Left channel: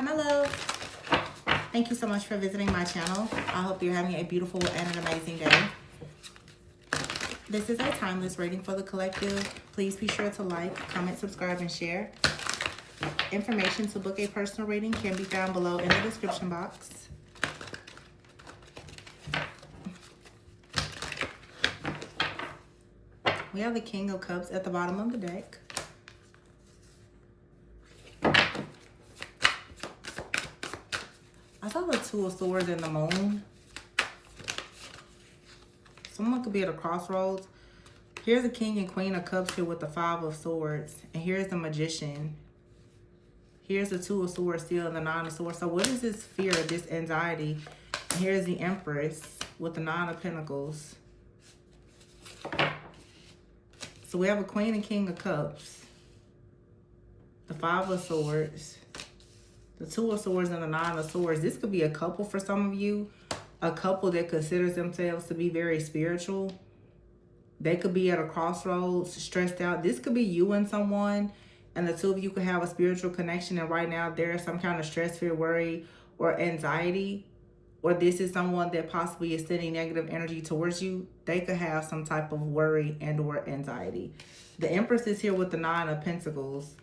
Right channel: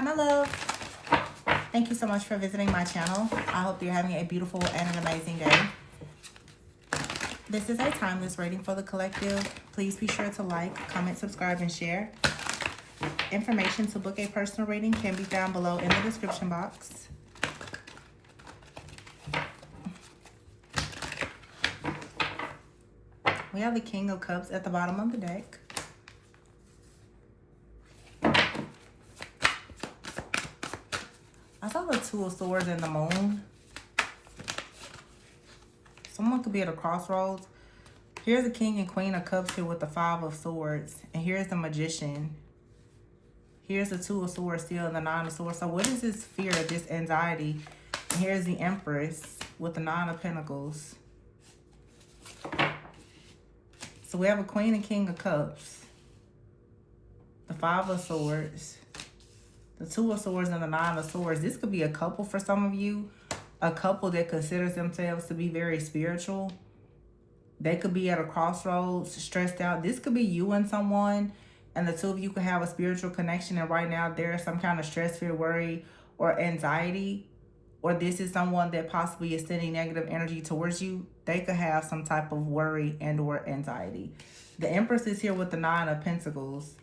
Hi, my love. Thank you so much for visiting my channel. I hope you're having a beautiful and an amazing day. This is a timeless reading for the collective. Please be sure to like, comment, subscribe, and share. Information to book a personal reading can be found below in the description box. We have the King of Cups at the bottom of the deck. I saw the Two of Swords and the Moon. Someone could be at a crossroads. Here's the King and Queen of Cups here with the Five of Swords. And here's the Magician. Here's the Two of Swords still and the Nine of Swords. So what is this fear, this anxiety? And here's the Empress with the Nine of Pentacles. So we have a Queen and King of Cups. The Five of Swords. The Two of Swords and the Nine of Swords. This could be a couple for some of you. A couple that considers themselves to be very spiritual. They could be at a crossroads, stressed out. This could be you and someone. And the two of you could have a spiritual connection. And right now there is some kind of stress, fear, worry, or anxiety. Or this is someone that possibly is sending negative energy towards you. They could have some type of worry and or anxiety. The Empress is here with the Nine of Pentacles.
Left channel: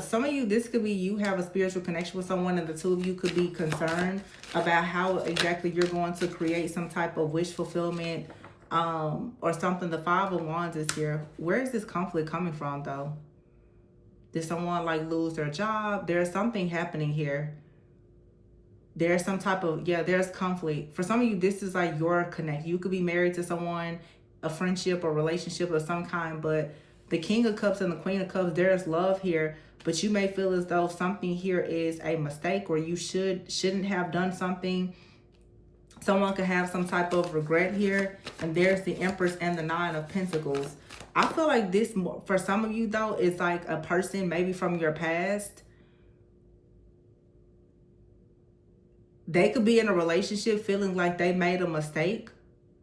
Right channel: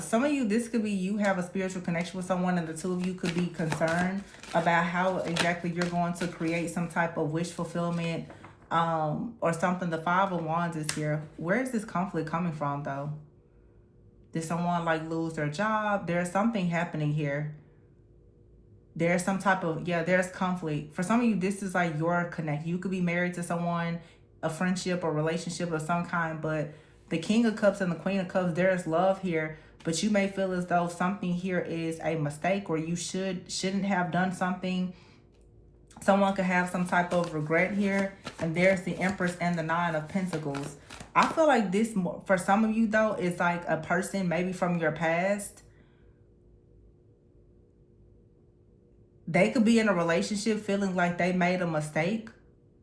Some of you, this could be you have a spiritual connection with someone and the two of you could be concerned about how exactly you're going to create some type of wish fulfillment or something. The Five of Wands is here. Where is this conflict coming from though? Did someone like lose their job? There's something happening here. There's some type of, there's conflict. For some of you, this is like your connect. You could be married to someone, a friendship or relationship of some kind, but the King of Cups and the Queen of Cups, there's love here. But you may feel as though something here is a mistake or you shouldn't have done something. Someone could have some type of regret here. And there's the Empress and the Nine of Pentacles. I feel like this, for some of you though, is like a person maybe from your past. They could be in a relationship feeling like they made a mistake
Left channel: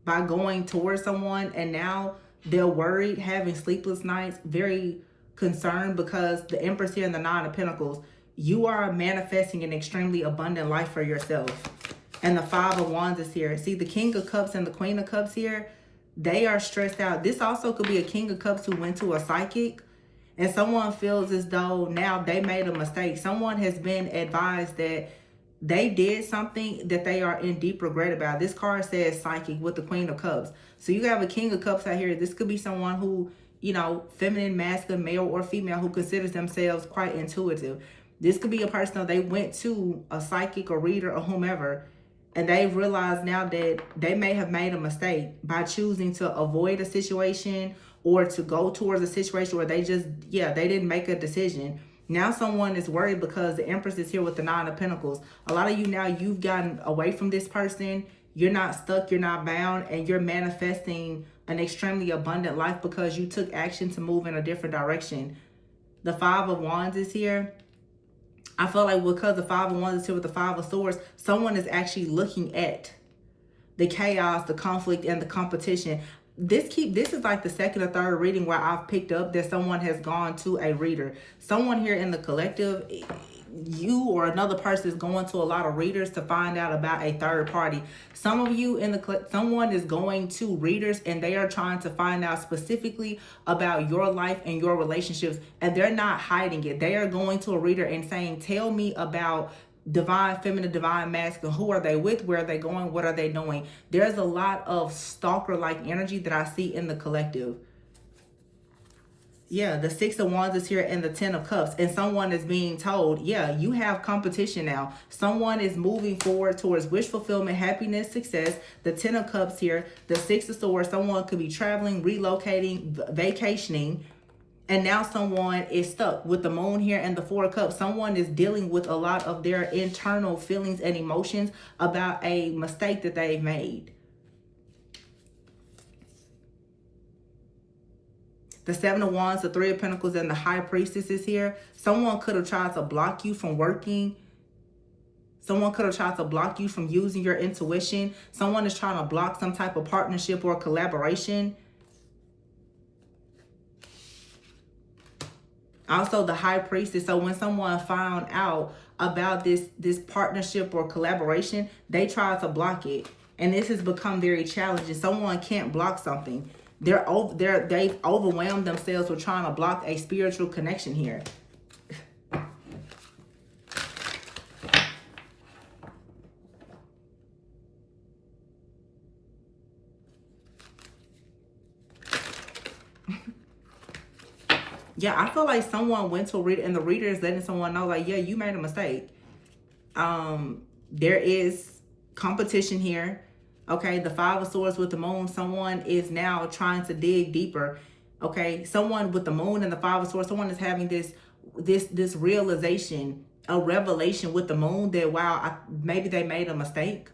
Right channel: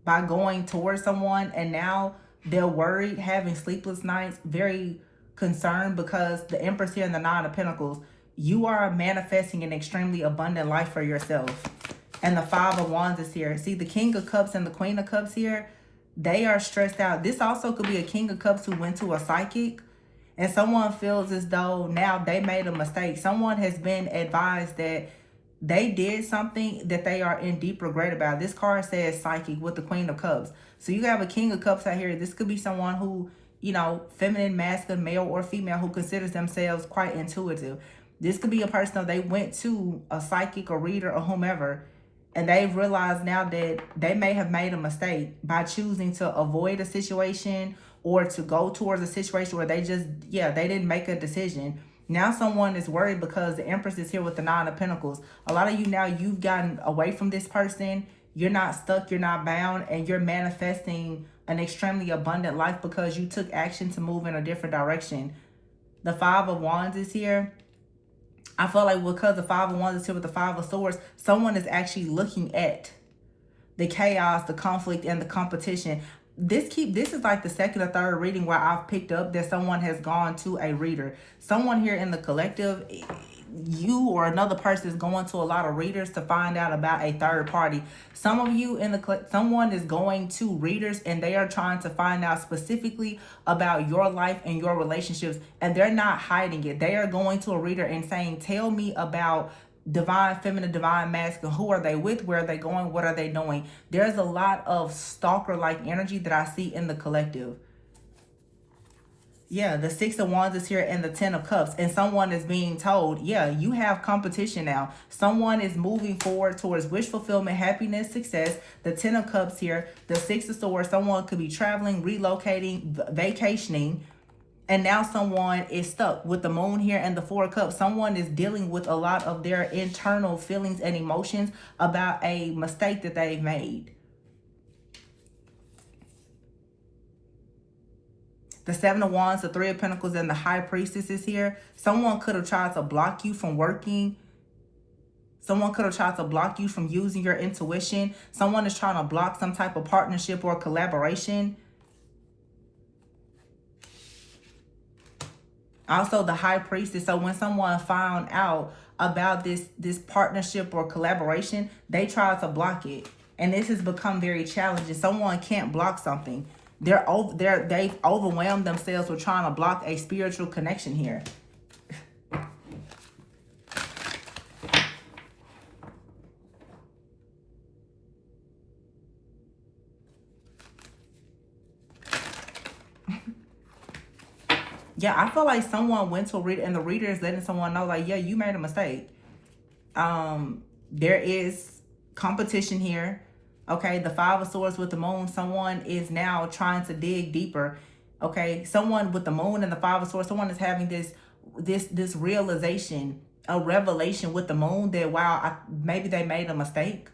by going towards someone. And now they're worried, having sleepless nights, very concerned because the Empress here and the Nine of Pentacles, you are manifesting an extremely abundant life for yourself. And the Five of Wands is here. See, the King of Cups and the Queen of Cups here, they are stressed out. This also could be a King of Cups who went to a psychic and someone feels as though now they made a mistake. Someone has been advised that they did something that they are in deep regret about. This card says psychic with the Queen of Cups. So you have a King of Cups out here. This could be someone who, you know, feminine, masculine, male or female, who considers themselves quite intuitive. This could be a person that they went to a psychic or reader or whomever, and they've realized now that they may have made a mistake by choosing to avoid a situation or to go towards a situation where they just, they didn't make a decision. Now someone is worried because the Empress is here with the Nine of Pentacles. A lot of you now, you've gotten away from this person. You're not stuck, you're not bound, and you're manifesting an extremely abundant life because you took action to move in a different direction. The Five of Wands is here. I feel like because the Five of Wands is here with the Five of Swords, someone is actually looking at the chaos, the conflict, and the competition. This is like the second or third reading where I've picked up that someone has gone to a reader. Someone here in the collective, you or another person is going to a lot of readers to find out about a third party. Some of you in the someone is going to readers and they are trying to find out specifically about your life and your relationships, and they're not hiding it. They are going to a reader and saying, tell me about divine feminine, divine masculine. Who are they with? Where are they going? What are they doing? There's a lot of stalker-like energy that I see in the collective. The Six of Wands is here and the Ten of Cups. And someone is being told, you have competition now. Someone is moving forward towards wish fulfillment, happiness, success. The Ten of Cups here. The Six of Swords. Someone could be traveling, relocating, vacationing. And now someone is stuck with the Moon here and the Four of Cups. Someone is dealing with a lot of their internal feelings and emotions about a mistake that they've made. The Seven of Wands, the Three of Pentacles, and the High Priestess is here. Someone could have tried to block you from working. Someone could have tried to block you from using your intuition. Someone is trying to block some type of partnership or collaboration. Also, the high priestess. So when someone found out about this partnership or collaboration, they try to block it, and this has become very challenging. Someone can't block something. They've overwhelmed themselves with trying to block a spiritual connection here. Yeah, I feel like someone went to a reader, and the reader is letting someone know, like, yeah, you made a mistake. There is competition here. Okay, the Five of Swords with the Moon. Someone is now trying to dig deeper. Okay, someone with the Moon and the Five of Swords. Someone is having this realization, a revelation with the Moon that, wow, maybe they made a mistake.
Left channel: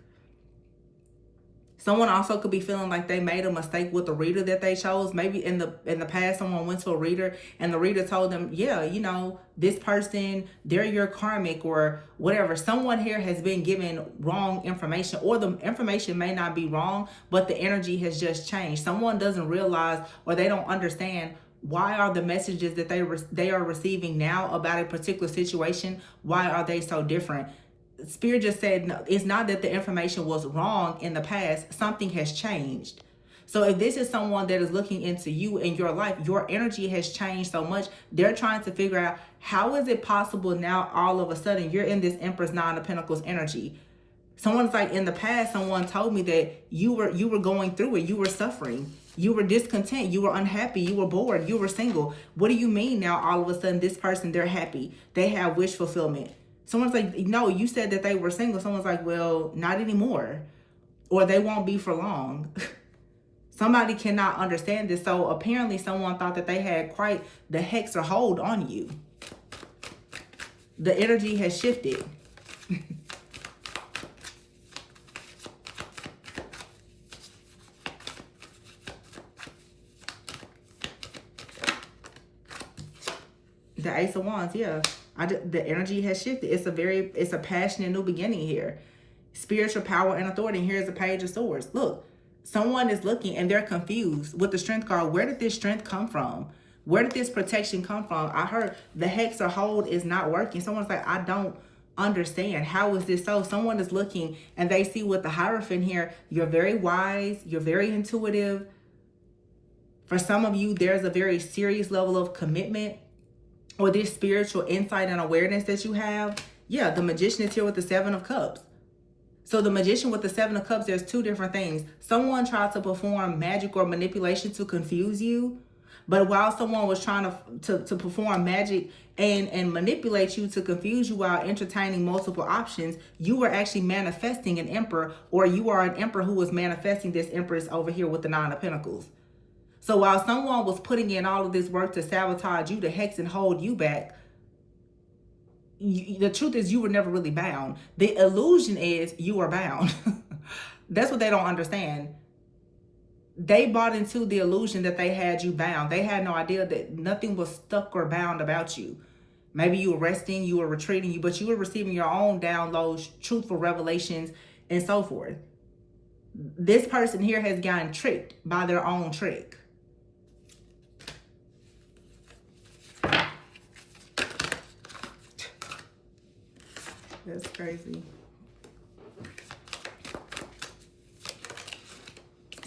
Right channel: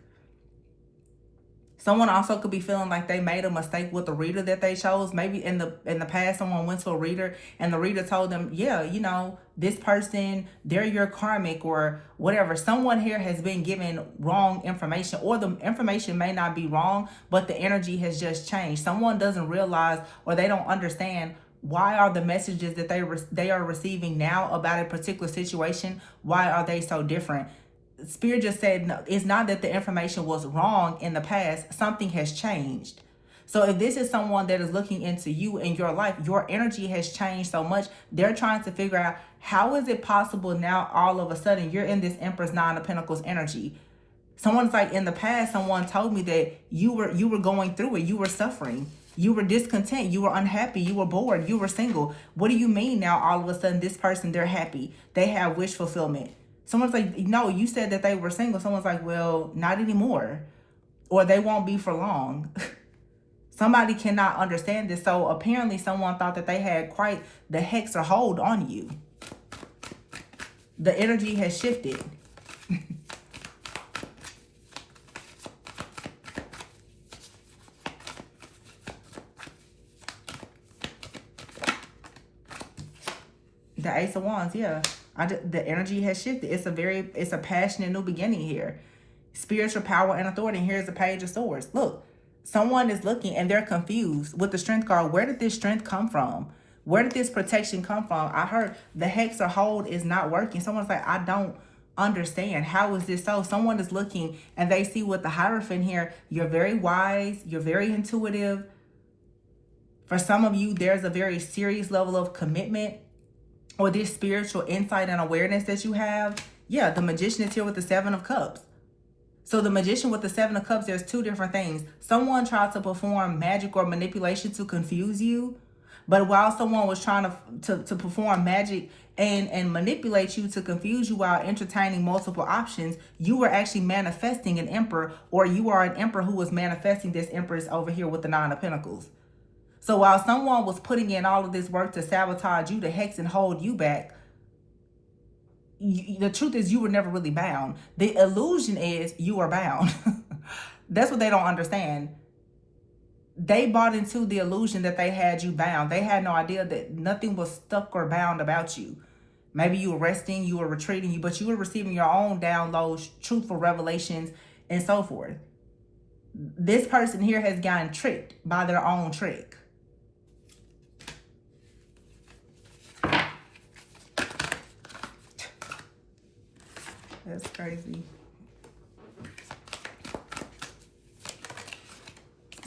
Someone also could be feeling like they made a mistake with the reader that they chose. Maybe in the past, someone went to a reader and the reader told them, yeah, you know, this person, they're your karmic or whatever. Someone here has been given wrong information, or the information may not be wrong, but the energy has just changed. Someone doesn't realize, or they don't understand, why are the messages that they are receiving now about a particular situation, why are they so different? Spirit just said, no, it's not that the information was wrong in the past. Something has changed. So if this is someone that is looking into you in your life, your energy has changed so much. Were trying to figure out, how is it possible now all of a sudden you're in this Empress Nine of Pentacles energy? Someone's like, in the past, someone told me that you were going through it. You were suffering. You were discontent. You were unhappy. You were bored. You were single. What do you mean now all of a sudden this person, they're happy? They have wish fulfillment. Someone's like, no, you said that they were single. Someone's like, well, not anymore. Or they won't be for long. Somebody cannot understand this. So apparently someone thought that they had quite the hex or hold on you. The energy has shifted. The Ace of Wands, yeah. The energy has shifted. It's a passionate new beginning here. Spiritual power and authority. And here's the Page of Swords. Look, someone is looking and they're confused with the Strength card. Where did this strength come from? Where did this protection come from? I heard the hex or hold is not working. Someone's like, I don't understand. How is this so? Someone is looking and they see with the Hierophant here, you're very wise. You're very intuitive. For some of you, there's a very serious level of commitment, or this spiritual insight and awareness that you have. Yeah, the Magician is here with the Seven of Cups. So the Magician with the Seven of Cups, there's two different things. Someone tried to perform magic or manipulation to confuse you. But while someone was trying to perform magic and manipulate you to confuse you while entertaining multiple options, you were actually manifesting an Emperor, or you are an Emperor who was manifesting this Empress over here with the Nine of Pentacles. So while someone was putting in all of this work to sabotage you, to hex and hold you back, the truth is you were never really bound. The illusion is you are bound. That's what they don't understand. They bought into the illusion that they had you bound. They had no idea that nothing was stuck or bound about you. Maybe you were resting, you were retreating, but you were receiving your own downloads, truthful revelations, and so forth. This person here has gotten tricked by their own trick. That's crazy.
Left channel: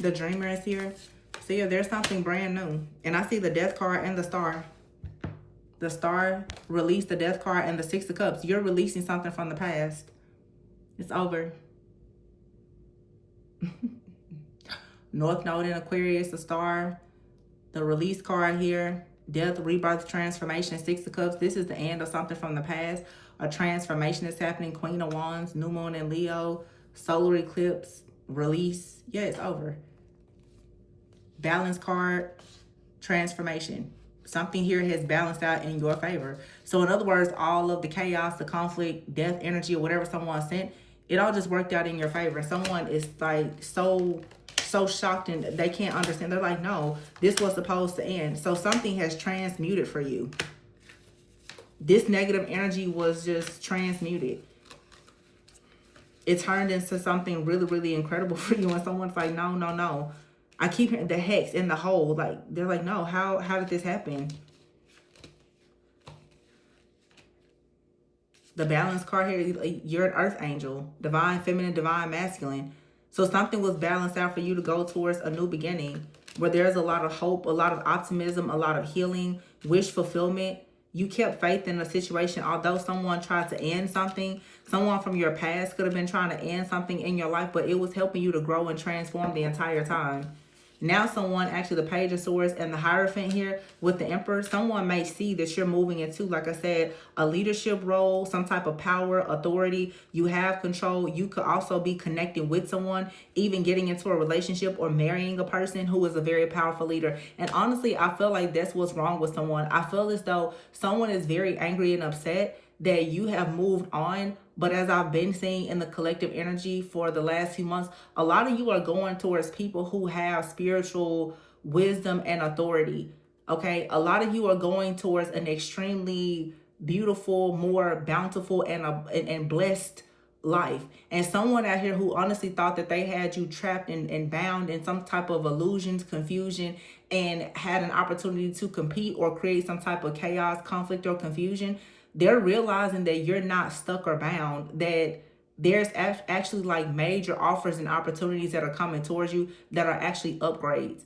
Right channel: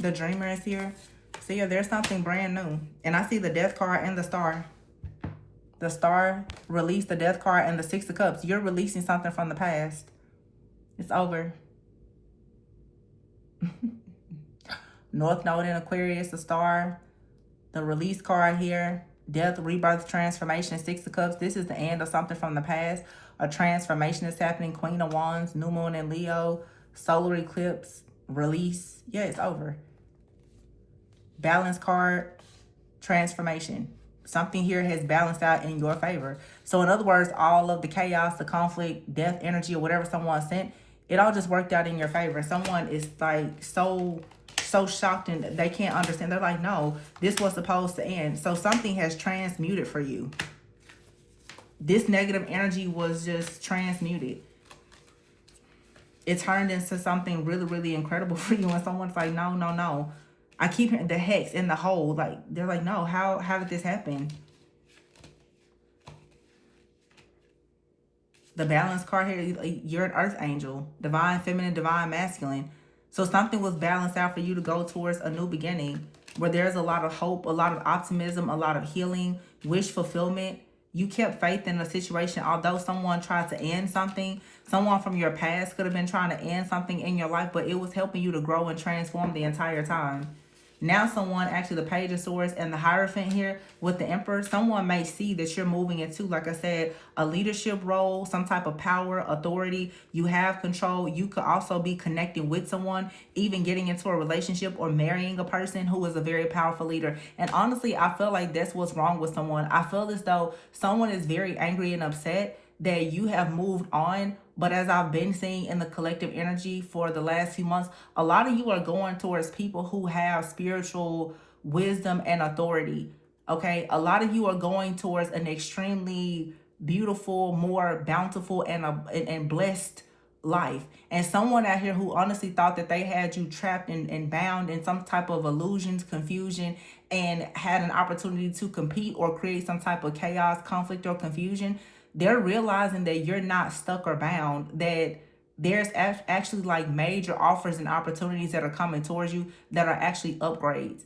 The Dreamer is here. See, there's something brand new. And I see the Death card and the Star. The Star released the Death card and the Six of Cups. You're releasing something from the past. It's over. North Node in Aquarius, the Star. The Release card here. Death, rebirth, transformation, Six of Cups. This is the end of something from the past. A transformation is happening. Queen of Wands, New Moon in Leo, solar eclipse, release. Yeah, it's over. Balance card, transformation. Something here has balanced out in your favor. So in other words, all of the chaos, the conflict, death energy, or whatever someone sent, it all just worked out in your favor. Someone is like so shocked and they can't understand. They're like, no, this was supposed to end. So something has transmuted for you. This negative energy was just transmuted. It turned into something really, really incredible for you. And someone's like, no, no, no. I keep hearing the hex in the hole. Like, they're like, no, how did this happen? The balance card here, you're an earth angel, divine feminine, divine masculine. So something was balanced out for you to go towards a new beginning where there's a lot of hope, a lot of optimism, a lot of healing, wish fulfillment. You kept faith in a situation, although someone tried to end something. Someone from your past could have been trying to end something in your life, but it was helping you to grow and transform the entire time. Now someone, actually the Page of Swords and the Hierophant here with the Emperor, someone may see that you're moving into, like I said, a leadership role, some type of power, authority. You have control. You could also be connecting with someone, even getting into a relationship or marrying a person who is a very powerful leader. And honestly, I feel like that's what's wrong with someone. I feel as though someone is very angry and upset that you have moved on. But as I've been seeing in the collective energy for the last few months, a lot of you are going towards people who have spiritual wisdom and authority. Okay, a lot of you are going towards an extremely beautiful, more bountiful and blessed life. And someone out here who honestly thought that they had you trapped and bound in some type of illusions, confusion, and had an opportunity to compete or create some type of chaos, conflict, or confusion, they're realizing that you're not stuck or bound, that there's actually like major offers and opportunities that are coming towards you that are actually upgrades.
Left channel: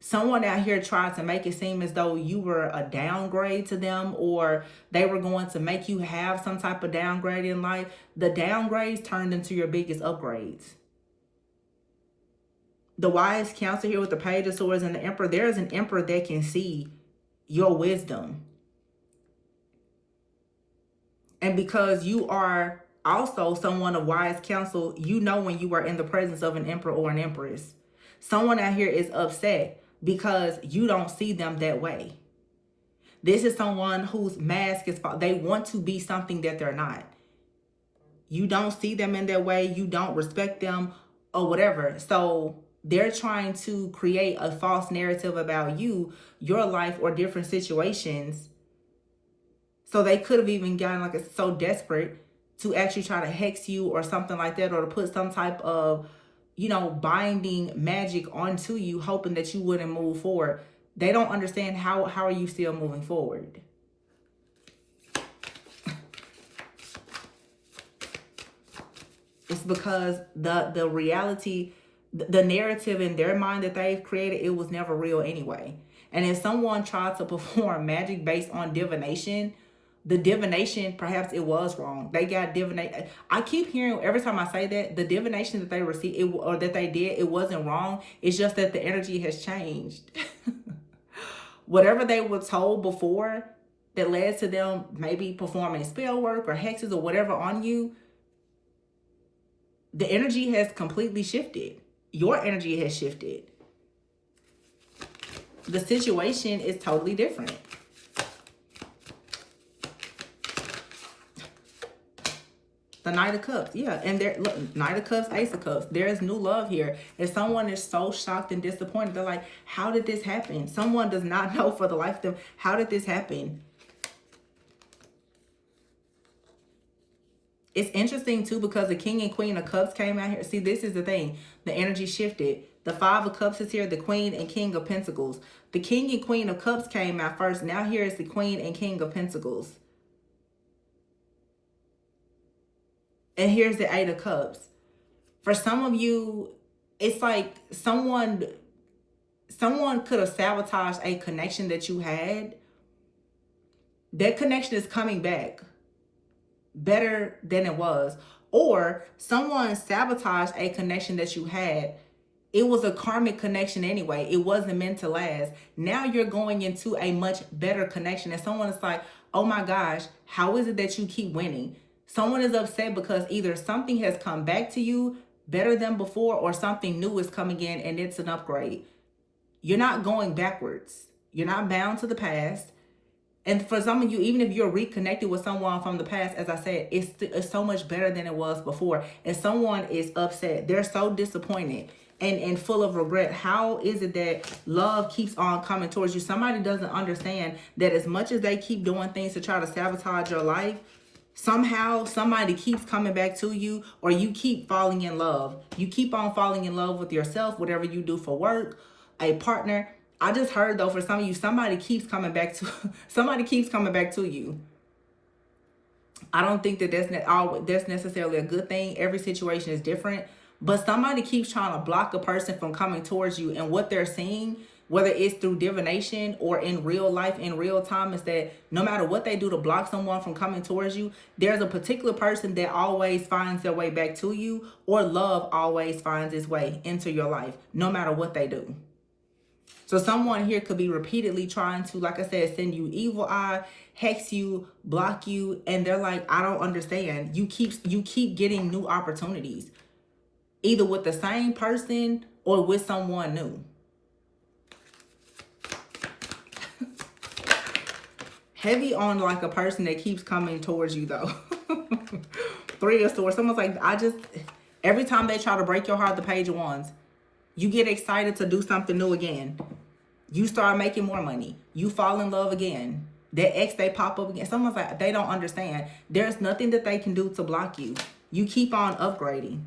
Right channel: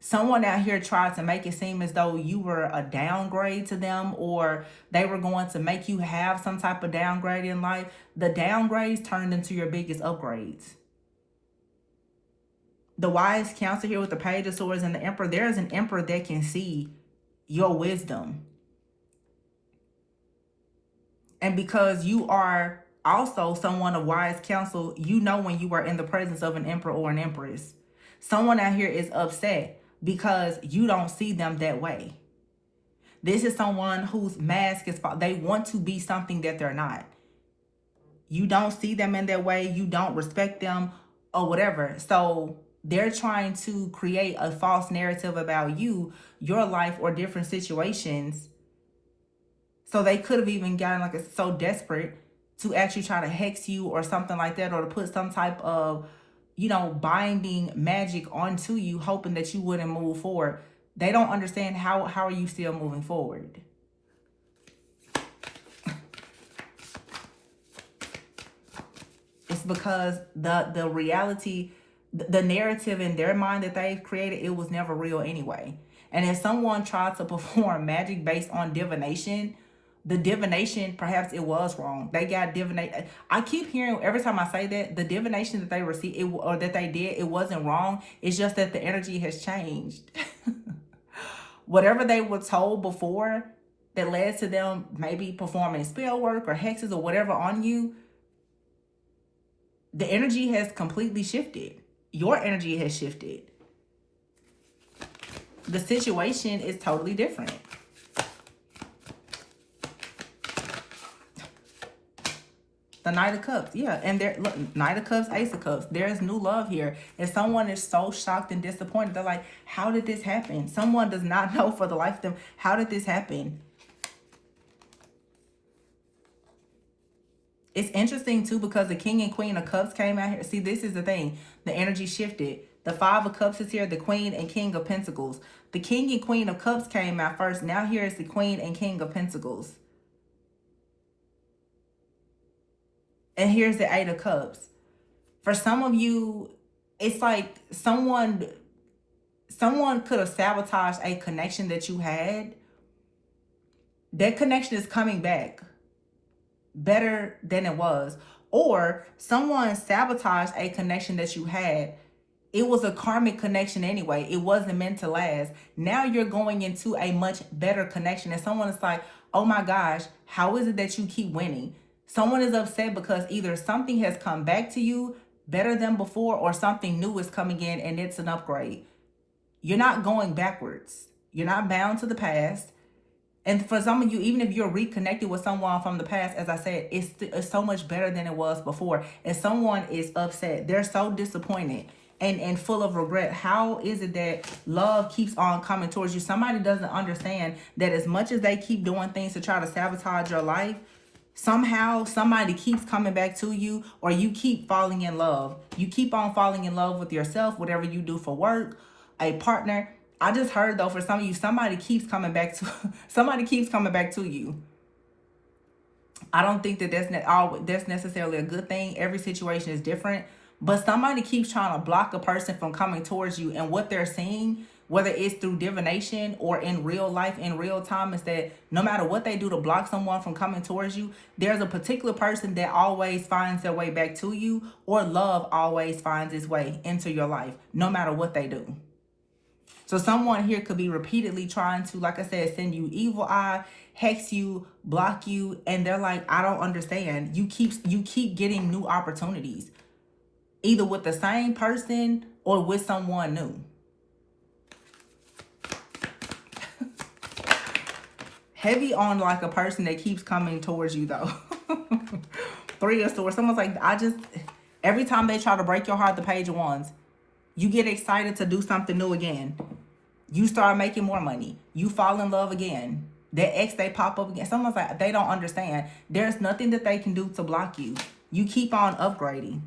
Someone out here tried to make it seem as though you were a downgrade to them, or they were going to make you have some type of downgrade in life. The downgrades turned into your biggest upgrades. The wise counsel here with the Page of Swords and the Emperor, there is an Emperor that can see your wisdom. And because you are also someone of wise counsel, you know when you are in the presence of an emperor or an empress. Someone out here is upset because you don't see them that way. This is someone whose mask is, they want to be something that they're not. You don't see them in that way. You don't respect them or whatever. So they're trying to create a false narrative about you, your life, or different situations. So they could have even gotten like so desperate to actually try to hex you or something like that, or to put some type of, binding magic onto you, hoping that you wouldn't move forward. They don't understand how are you still moving forward. It's because the reality, the narrative in their mind that they've created, it was never real anyway. And if someone tried to perform magic based on divination, the divination, perhaps it was wrong. They got divination. I keep hearing every time I say that, the divination that they received or that they did, it wasn't wrong. It's just that the energy has changed. Whatever they were told before that led to them maybe performing spell work or hexes or whatever on you, the energy has completely shifted. Your energy has shifted. The situation is totally different. The Knight of Cups, yeah. And there, look, Knight of Cups, Ace of Cups. There's new love here. And someone is so shocked and disappointed. They're like, how did this happen? Someone does not know for the life of them, how did this happen? It's interesting, too, because the King and Queen of Cups came out here. See, this is the thing. The energy shifted. The Five of Cups is here. The Queen and King of Pentacles. The King and Queen of Cups came out first. Now here is the Queen and King of Pentacles. And here's the Eight of Cups. For some of you, it's like someone could have sabotaged a connection that you had. That connection is coming back better than it was. Or someone sabotaged a connection that you had. It was a karmic connection anyway. It wasn't meant to last. Now you're going into a much better connection. And someone is like, oh my gosh, how is it that you keep winning? Someone is upset because either something has come back to you better than before, or something new is coming in and it's an upgrade. You're not going backwards. You're not bound to the past. And for some of you, even if you're reconnected with someone from the past, as I said, it's so much better than it was before. And someone is upset. They're so disappointed and full of regret. How is it that love keeps on coming towards you? Somebody doesn't understand that as much as they keep doing things to try to sabotage your life, somehow somebody keeps coming back to you, or you keep falling in love. You keep on falling in love with yourself, whatever you do for work, a partner. I just heard though, for some of you, somebody keeps coming back to you. I don't think that that's necessarily a good thing. Every situation is different. But somebody keeps trying to block a person from coming towards you, and what they're seeing, whether it's through divination or in real life, in real time, is that no matter what they do to block someone from coming towards you, there's a particular person that always finds their way back to you, or love always finds its way into your life, no matter what they do. So someone here could be repeatedly trying to, like I said, send you evil eye, hex you, block you, and they're like, I don't understand. You keep getting new opportunities, either with the same person or with someone new. Heavy on like a person that keeps coming towards you though. Three of Swords. Someone's like, every time they try to break your heart, the Page of Wands, you get excited to do something new again. You start making more money. You fall in love again. Their ex, they pop up again. Someone's like, they don't understand. There's nothing that they can do to block you. You keep on upgrading.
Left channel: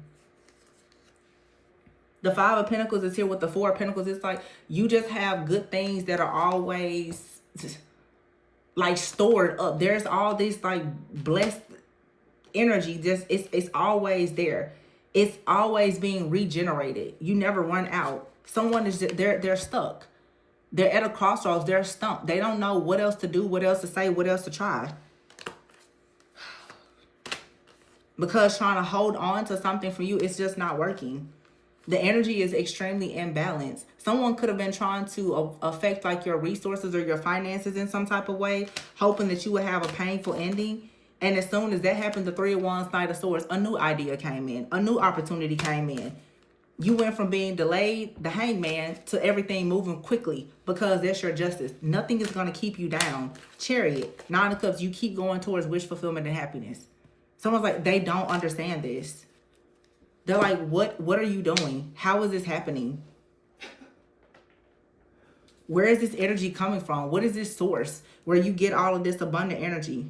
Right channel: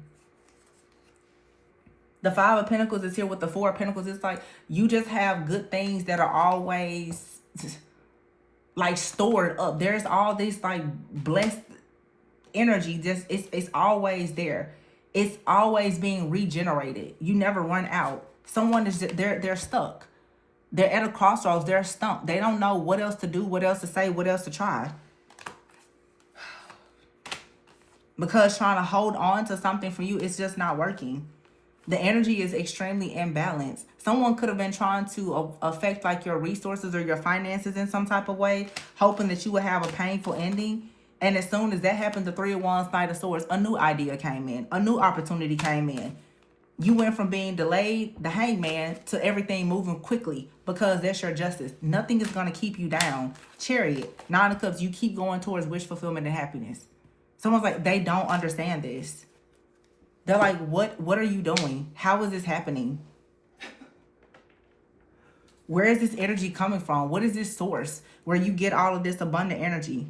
The Five of Pentacles is here with the Four of Pentacles. It's like you just have good things that are always like stored up. There's all this like blessed energy. It's always there. It's always being regenerated. You never run out. Someone is they're stuck. They're at a crossroads. They're stumped. They don't know what else to do, what else to say, what else to try. Because trying to hold on to something for you, it's just not working. The energy is extremely imbalanced. Someone could have been trying to affect like your resources or your finances in some type of way, hoping that you would have a painful ending. And as soon as that happened, the Three of Wands, Knight of Swords, a new idea came in. A new opportunity came in. You went from being delayed, the Hangman, to everything moving quickly because that's your justice. Nothing is going to keep you down. Chariot, Nine of Cups, you keep going towards wish fulfillment and happiness. Someone's like, they don't understand this. They're like, what are you doing? How is this happening? Where is this energy coming from? What is this source where you get all of this abundant energy?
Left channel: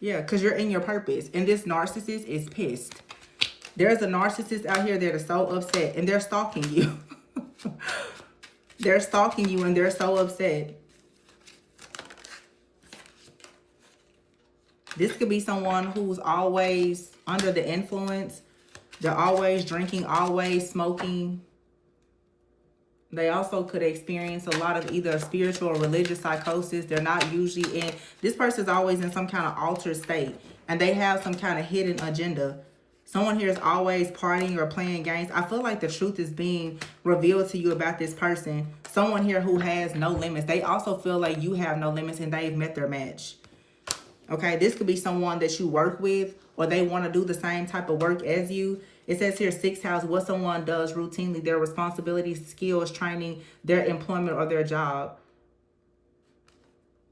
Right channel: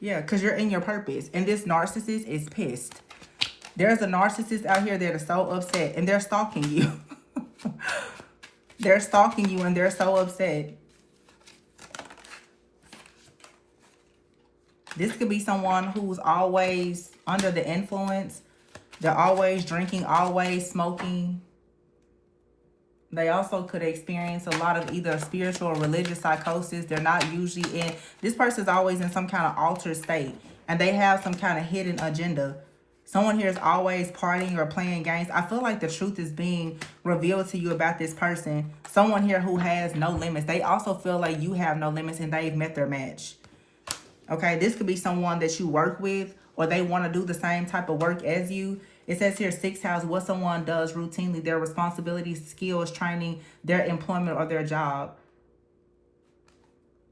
Yeah, because you're in your purpose. And this narcissist is pissed. There's a narcissist out here that is so upset. And they're stalking you. They're stalking you and they're so upset. This could be someone who's always under the influence. They're always drinking, always smoking. They also could experience a lot of either spiritual or religious psychosis. They're not usually in... This person's always in some kind of altered state. And they have some kind of hidden agenda. Someone here is always partying or playing games. I feel like the truth is being revealed to you about this person. Someone here who has no limits. They also feel like you have no limits and they've met their match. Okay, this could be someone that you work with or they want to do the same type of work as you. It says here, 6th house, what someone does routinely, their responsibilities, skills, training, their employment, or their job.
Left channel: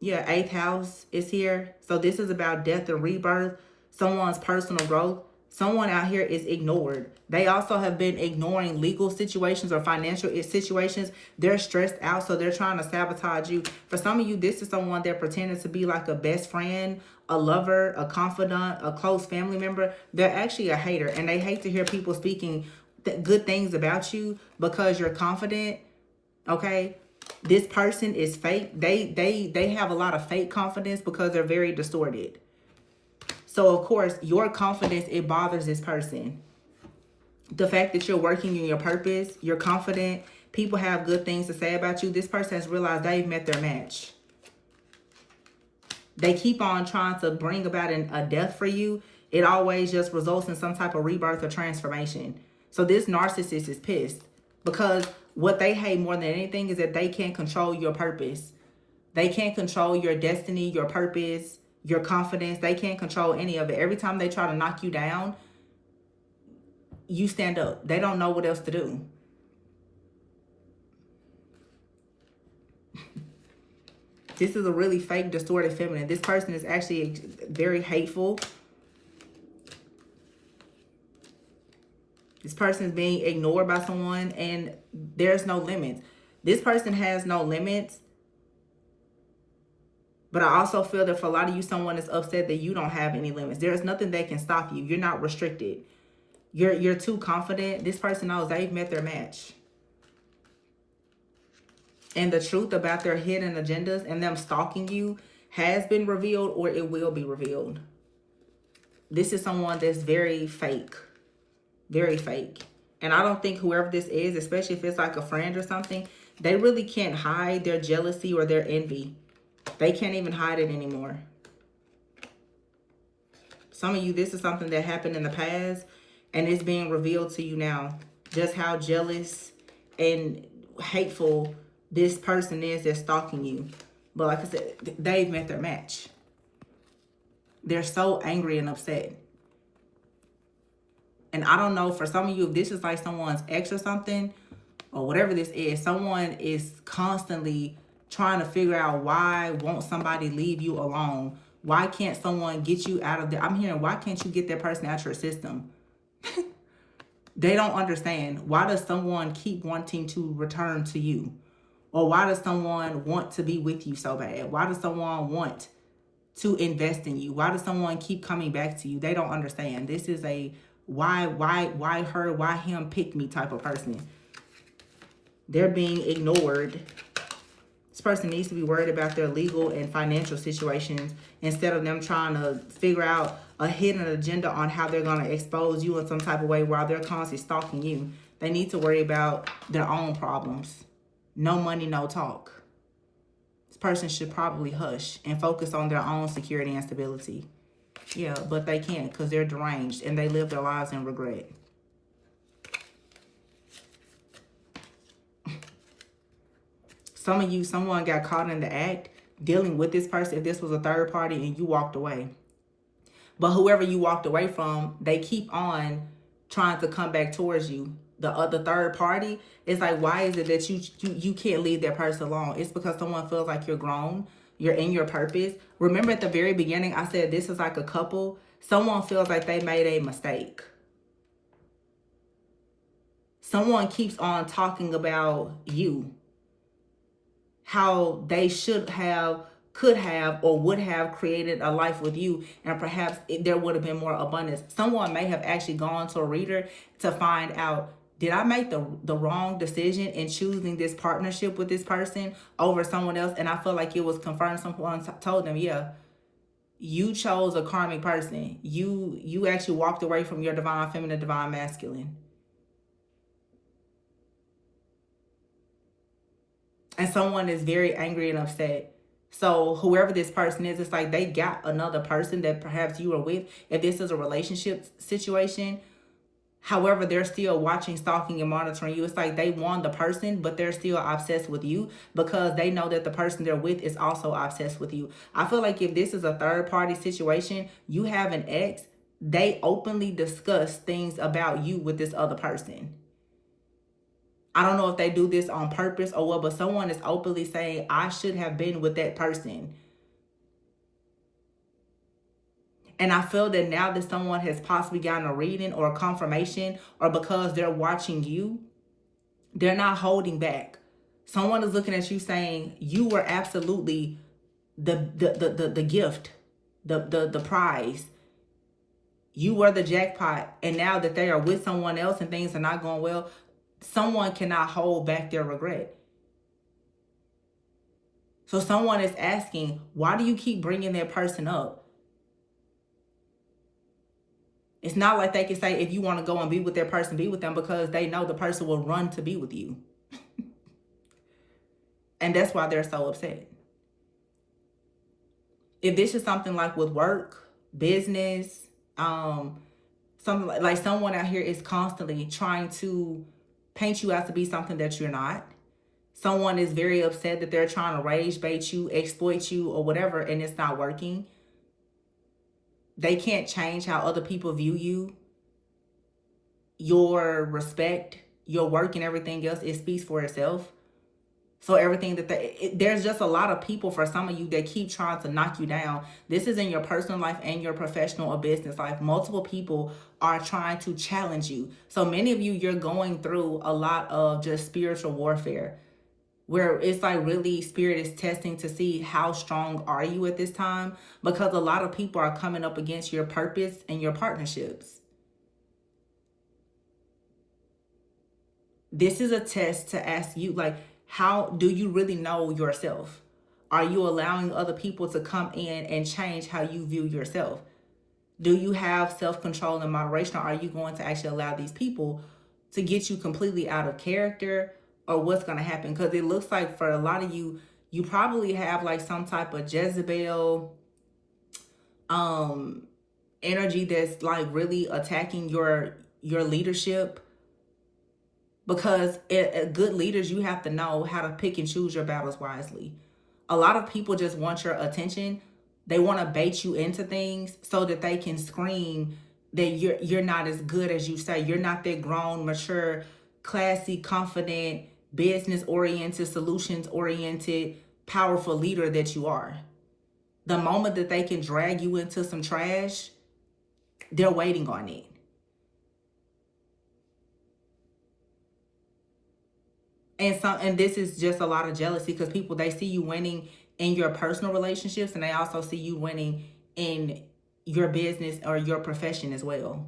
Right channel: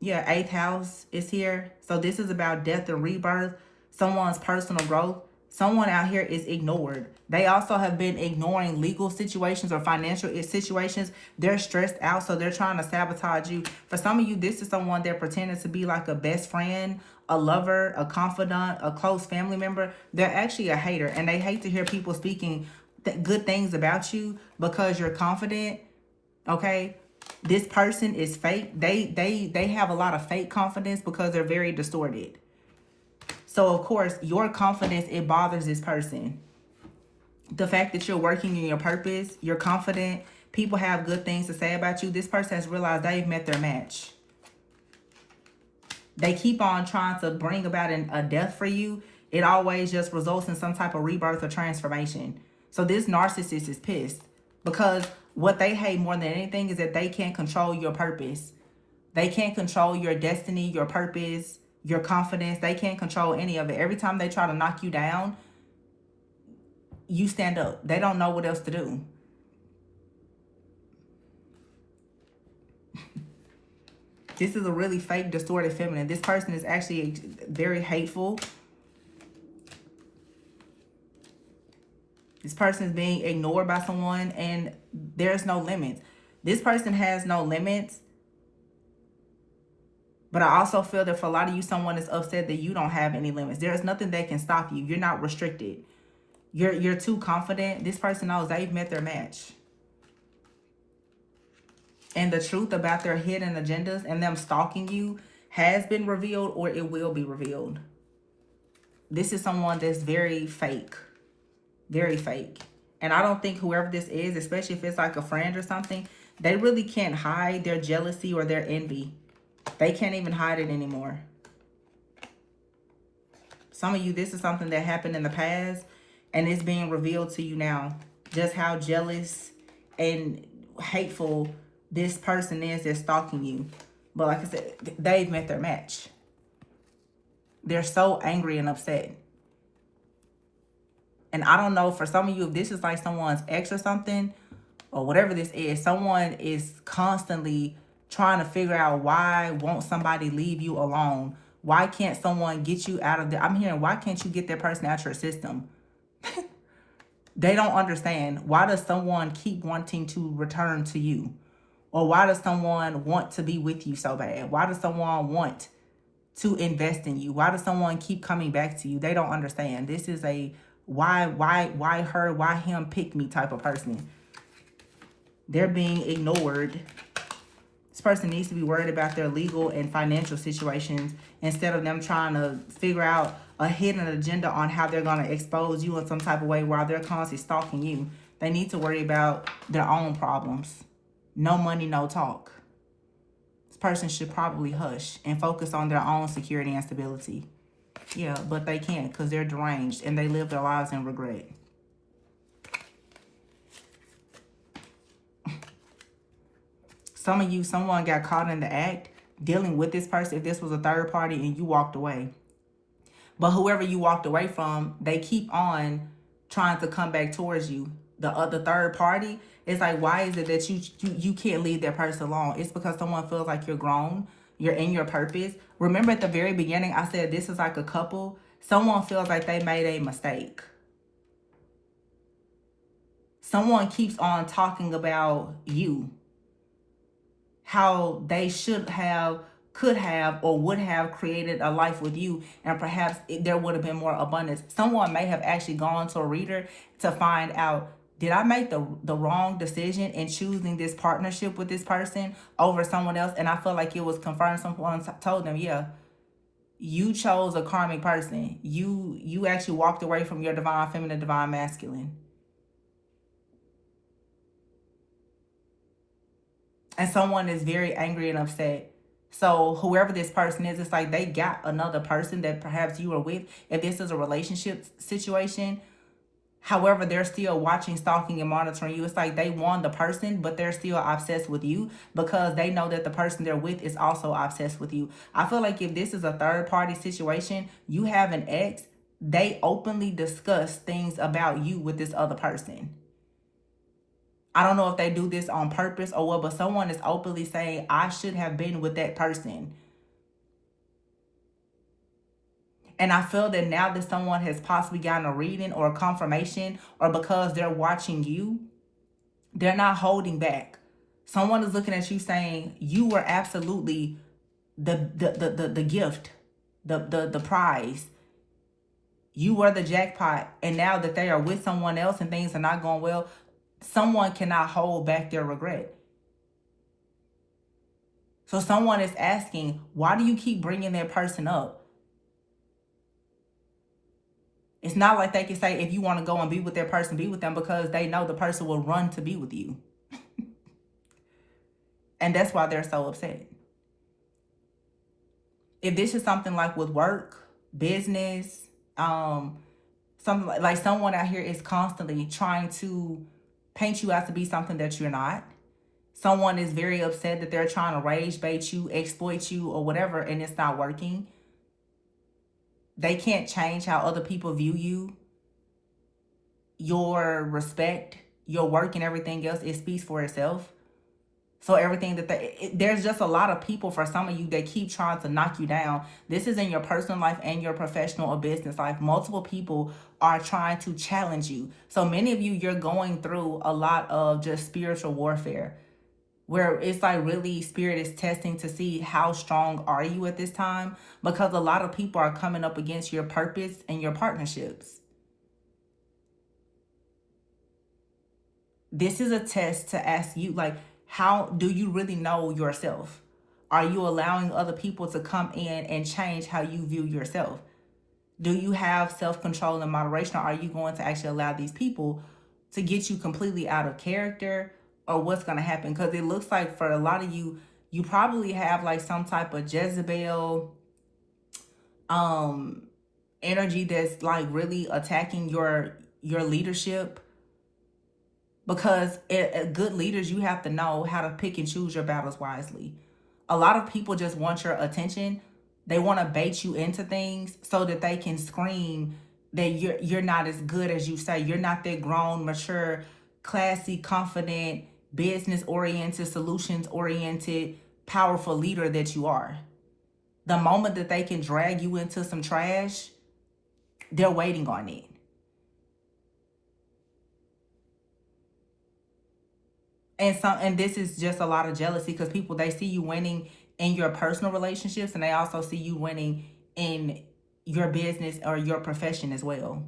Yeah, 8th house is here. So this is about death and rebirth, someone's personal growth. Someone out here is ignored. They also have been ignoring legal situations or financial situations. They're stressed out, so they're trying to sabotage you. For some of you, this is someone that pretended to be like a best friend, a lover, a confidant, a close family member. They're actually a hater, and they hate to hear people speaking good things about you because you're confident, okay? This person is fake. They have a lot of fake confidence because they're very distorted. So, of course, your confidence, it bothers this person. The fact that you're working in your purpose, you're confident, people have good things to say about you. This person has realized they've met their match. They keep on trying to bring about a death for you. It always just results in some type of rebirth or transformation. So this narcissist is pissed because what they hate more than anything is that they can't control your purpose. They can't control your destiny, your purpose, your confidence. They can't control any of it. Every time they try to knock you down, you stand up. They don't know what else to do. This is a really fake, distorted feminine. This person is actually very hateful. This person is being ignored by someone and there's no limits. This person has no limits. But I also feel that for a lot of you, someone is upset that you don't have any limits. There's nothing that can stop you. You're not restricted. You're too confident. This person knows they've met their match. And the truth about their hidden agendas and them stalking you has been revealed, or it will be revealed. This is someone that's very fake. Very fake. And I don't think whoever this is, especially if it's like a friend or something, they really can't hide their jealousy or their envy. They can't even hide it anymore. Some of you, this is something that happened in the past and it's being revealed to you now. Just how jealous and hateful this person is that's stalking you. But like I said, they've met their match. They're so angry and upset. And I don't know, for some of you, if this is like someone's ex or something, or whatever this is, someone is constantly trying to figure out why won't somebody leave you alone? Why can't someone get you out of there? I'm hearing, why can't you get that person out your system? They don't understand. Why does someone keep wanting to return to you? Or why does someone want to be with you so bad? Why does someone want to invest in you? Why does someone keep coming back to you? They don't understand. This is a why her, why him, pick me type of person. They're being ignored. This person needs to be worried about their legal and financial situations instead of them trying to figure out a hidden agenda on how they're going to expose you in some type of way while they're constantly stalking you. They need to worry about their own problems. No money, no talk. This person should probably hush and focus on their own security and stability. Yeah, but they can't because they're deranged and they live their lives in regret. Some of you, someone got caught in the act dealing with this person if this was a third party and you walked away. But whoever you walked away from, they keep on trying to come back towards you. The other third party, it's like, why is it that you can't leave that person alone? It's because someone feels like you're grown. You're in your purpose. Remember at the very beginning, I said this is like a couple. Someone feels like they made a mistake. Someone keeps on talking about you. How they should have, could have, or would have created a life with you. And perhaps there would have been more abundance. Someone may have actually gone to a reader to find out, did I make the wrong decision in choosing this partnership with this person over someone else? And I feel like it was confirmed. Someone told them, yeah, you chose a karmic person. You actually walked away from your divine feminine, divine masculine. And someone is very angry and upset. So whoever this person is, it's like they got another person that perhaps you are with. If this is a relationship situation, however, they're still watching, stalking, and monitoring you. It's like they won the person, but they're still obsessed with you because they know that the person they're with is also obsessed with you. I feel like if this is a third party situation, you have an ex, they openly discuss things about you with this other person. I don't know if they do this on purpose or what, but someone is openly saying, I should have been with that person. And I feel that now that someone has possibly gotten a reading or a confirmation, or because they're watching you, they're not holding back. Someone is looking at you saying, you were absolutely the gift, the prize. You were the jackpot. And now that they are with someone else and things are not going well, someone cannot hold back their regret. So someone is asking, why do you keep bringing that person up? It's not like they can say, if you want to go and be with that person, be with them, because they know the person will run to be with you. And that's why they're so upset. If this is something like with work, business, something like someone out here is constantly trying to paint you out to be something that you're not. Someone is very upset that they're trying to rage bait you, exploit you, or whatever, and it's not working. They can't change how other people view you. Your respect, your work, and everything else, it speaks for itself. So everything that there's just a lot of people for some of you that keep trying to knock you down. This is in your personal life and your professional or business life. Multiple people are trying to challenge you. So many of you, you're going through a lot of just spiritual warfare, where it's like really spirit is testing to see how strong are you at this time, because a lot of people are coming up against your purpose and your partnerships. This is a test to ask you, like, how do you really know yourself? Are you allowing other people to come in and change how you view yourself? Do you have self-control and moderation, or are you going to actually allow these people to get you completely out of character, or what's going to happen? Because it looks like for a lot of you, you probably have like some type of Jezebel energy that's like really attacking your leadership. Because good leaders, you have to know how to pick and choose your battles wisely. A lot of people just want your attention. They want to bait you into things so that they can scream that you're not as good as you say. You're not that grown, mature, classy, confident, business oriented, solutions oriented, powerful leader that you are. The moment that they can drag you into some trash, they're waiting on it. And this is just a lot of jealousy, because people, they see you winning in your personal relationships, and they also see you winning in your business or your profession as well.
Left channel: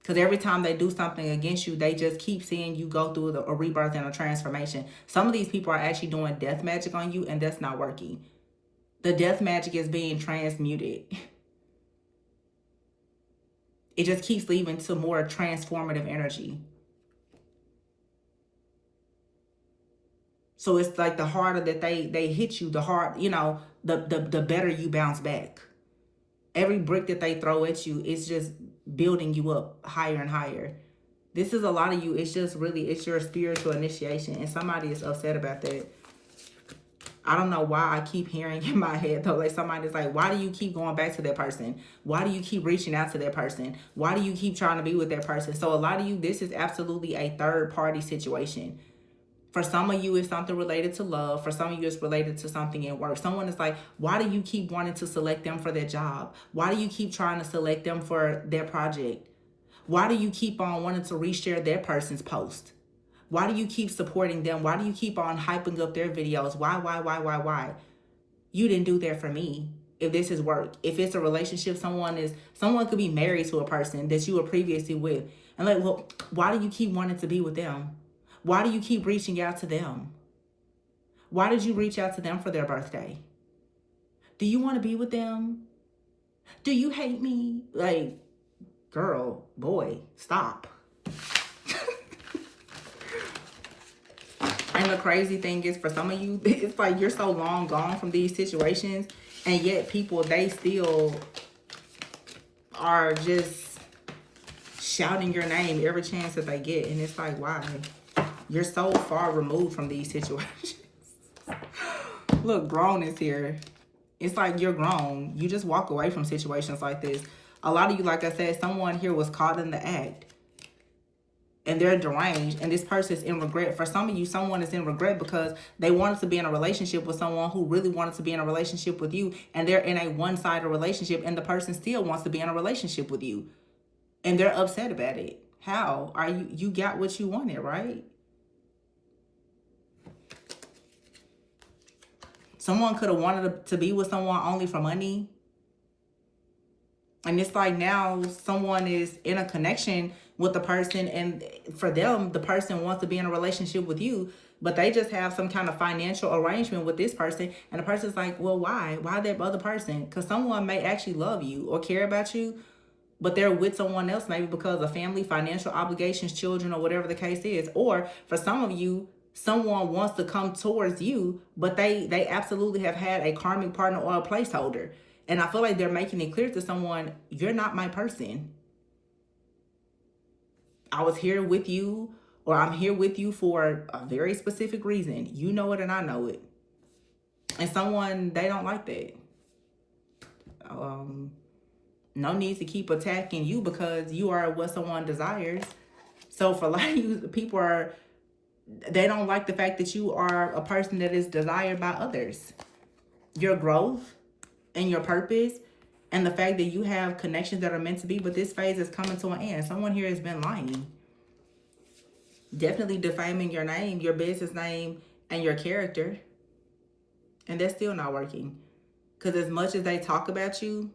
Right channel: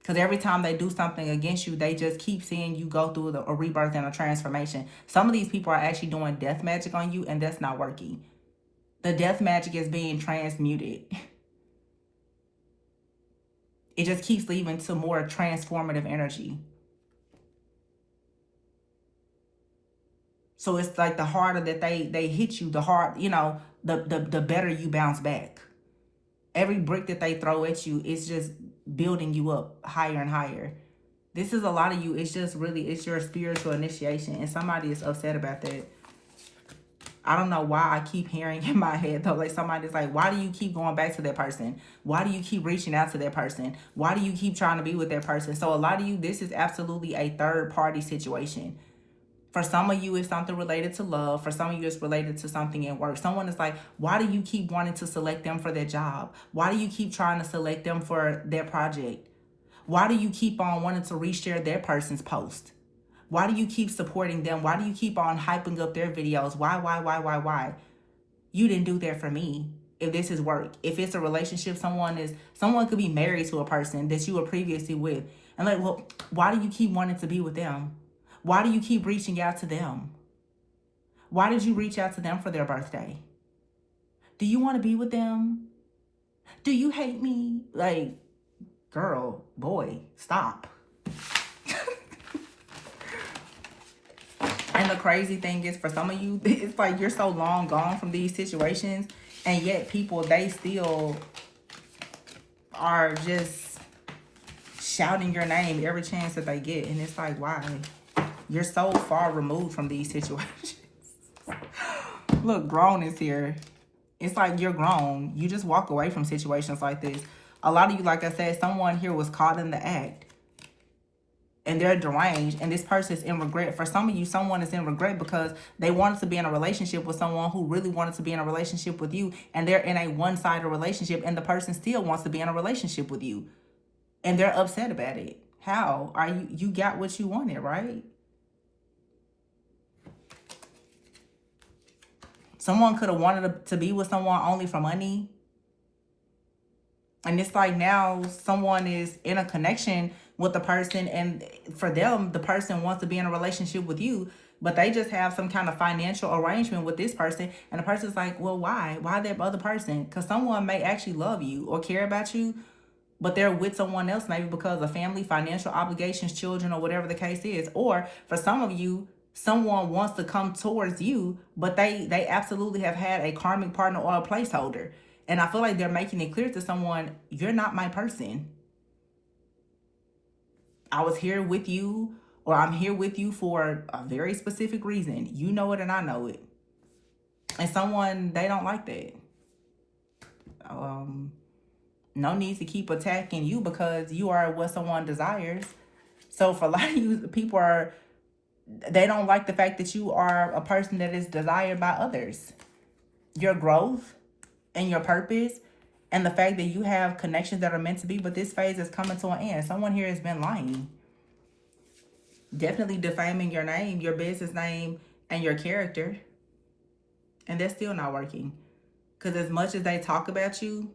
Because every time they do something against you, they just keep seeing you go through a rebirth and a transformation. Some of these people are actually doing death magic on you, and that's not working. The death magic is being transmuted. It just keeps leading to more transformative energy. So it's like the harder that they hit you, the better you bounce back. Every brick that they throw at you, it's just building you up higher and higher. This is a lot of you. It's just really, it's your spiritual initiation, and somebody is upset about that. I don't know why I keep hearing in my head though, like somebody's like, why do you keep going back to that person? Why do you keep reaching out to that person? Why do you keep trying to be with that person? So a lot of you, this is absolutely a third party situation. For some of you, it's something related to love. For some of you, it's related to something at work. Someone is like, why do you keep wanting to select them for their job? Why do you keep trying to select them for their project? Why do you keep on wanting to reshare their person's post? Why do you keep supporting them? Why do you keep on hyping up their videos? Why? You didn't do that for me. If this is work, if it's a relationship, someone could be married to a person that you were previously with. And like, well, why do you keep wanting to be with them? Why do you keep reaching out to them? Why did you reach out to them for their birthday? Do you want to be with them? Do you hate me? Like, girl, boy, stop. And the crazy thing is, for some of you, it's like you're so long gone from these situations, and yet people, they still are just shouting your name every chance that they get. And it's like, why? You're so far removed from these situations. Look, grown is here. It's like you're grown. You just walk away from situations like this. A lot of you, like I said, someone here was caught in the act. And they're deranged. And this person is in regret. For some of you, someone is in regret because they wanted to be in a relationship with someone who really wanted to be in a relationship with you. And they're in a one-sided relationship. And the person still wants to be in a relationship with you. And they're upset about it. How? You got what you wanted, right? Someone could have wanted to be with someone only for money. And it's like now someone is in a connection with the person, and for them, the person wants to be in a relationship with you, but they just have some kind of financial arrangement with this person. And the person's like, well, why? Why that other person? Because someone may actually love you or care about you, but they're with someone else, maybe because of family, financial obligations, children, or whatever the case is. Or for some of you, someone wants to come towards you, but they absolutely have had a karmic partner or a placeholder. And I feel like they're making it clear to someone, you're not my person. I was here with you, or I'm here with you for a very specific reason. You know it and I know it. And someone, they don't like that. No need to keep attacking you because you are what someone desires. So for a lot of you, people they don't like the fact that you are a person that is desired by others. Your growth and your purpose and the fact that you have connections that are meant to be, but this phase is coming to an end. Someone here has been lying. Definitely defaming your name, your business name, and your character. And they're still not working. Because as much as they talk about you,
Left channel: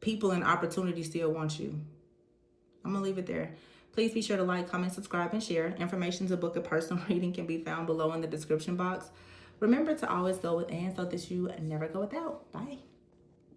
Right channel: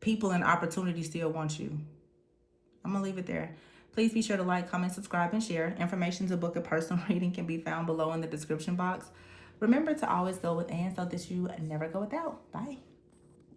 people and opportunities still want you. I'm going to leave it there. Please be sure to like, comment, subscribe, and share. Information to book a personal reading can be found below in the description box. Remember to always go with and so that you never go without. Bye.